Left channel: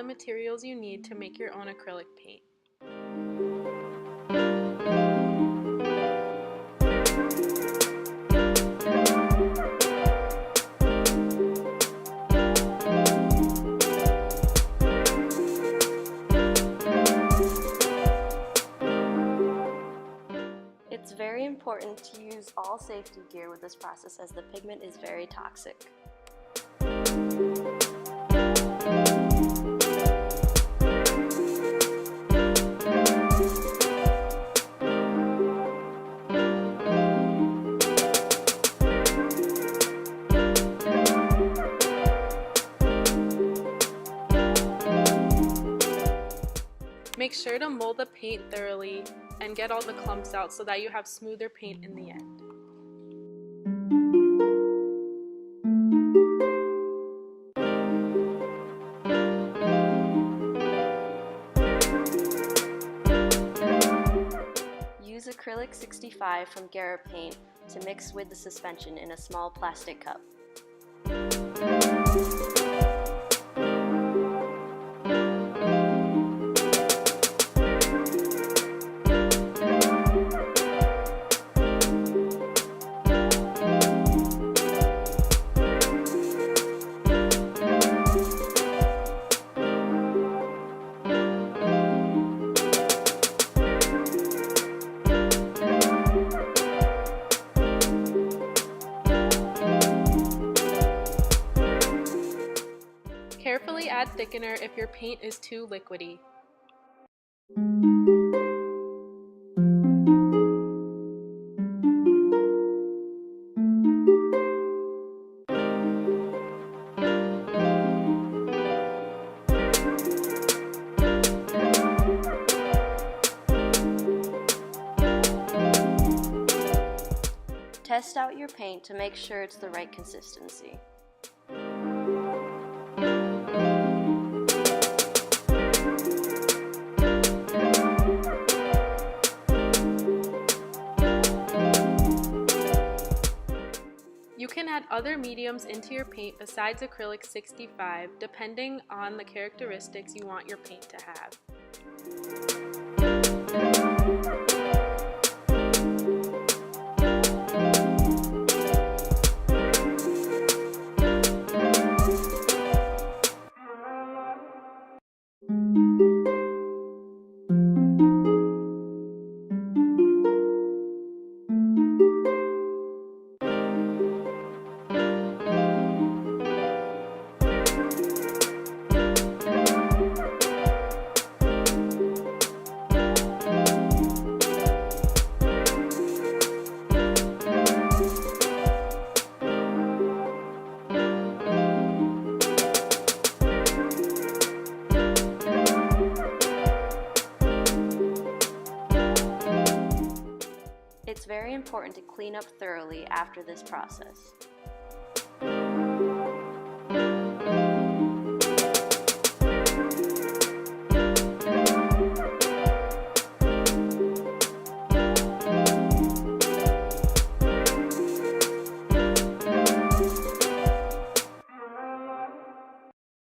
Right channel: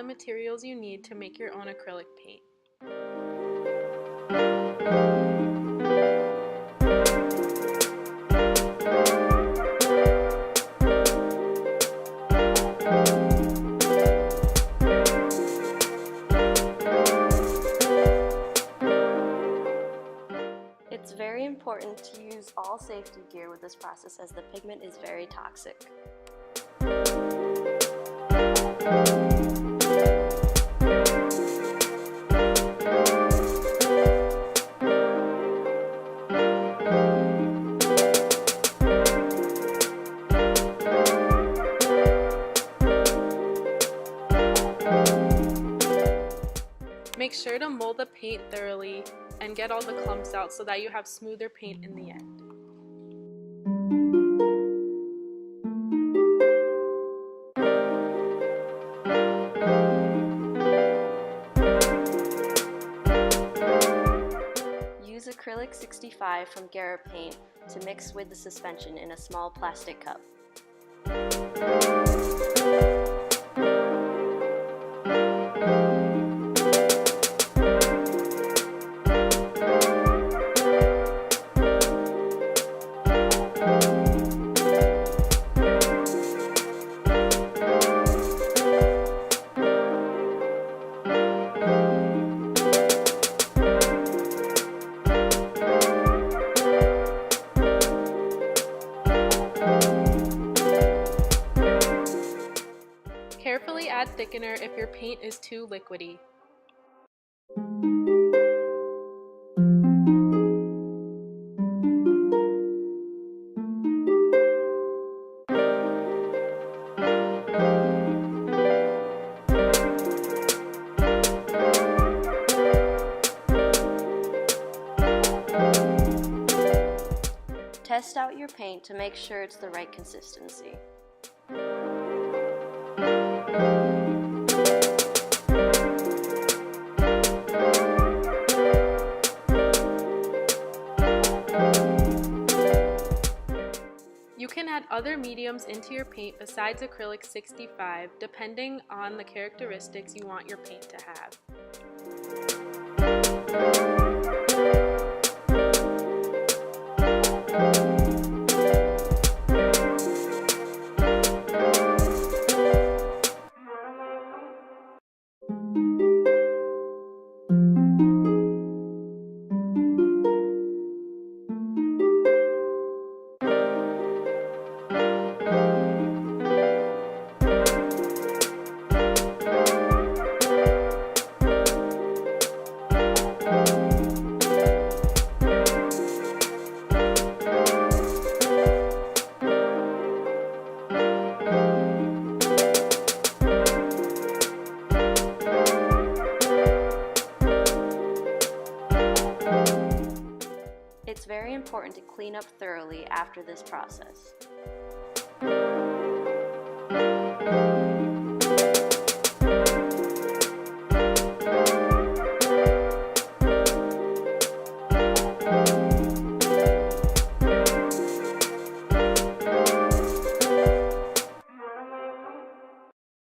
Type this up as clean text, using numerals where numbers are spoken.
the materials you need to make your own acrylic paint. It's very important to use all safety gear with this process as the pigment is very toxic. Make sure to mold the paint thoroughly and get all the clumps out so that you have smoother paint in the end. Use Acrylic 65 from Paint to mix with the suspension in a small plastic cup. Carefully add thickener if your paint is too liquidy. Test out your paint to make sure it's the right consistency. You can add other mediums into your paint besides Acrylic 65, depending on the characteristics you want your paint to have. It's very important to clean up thoroughly after this process.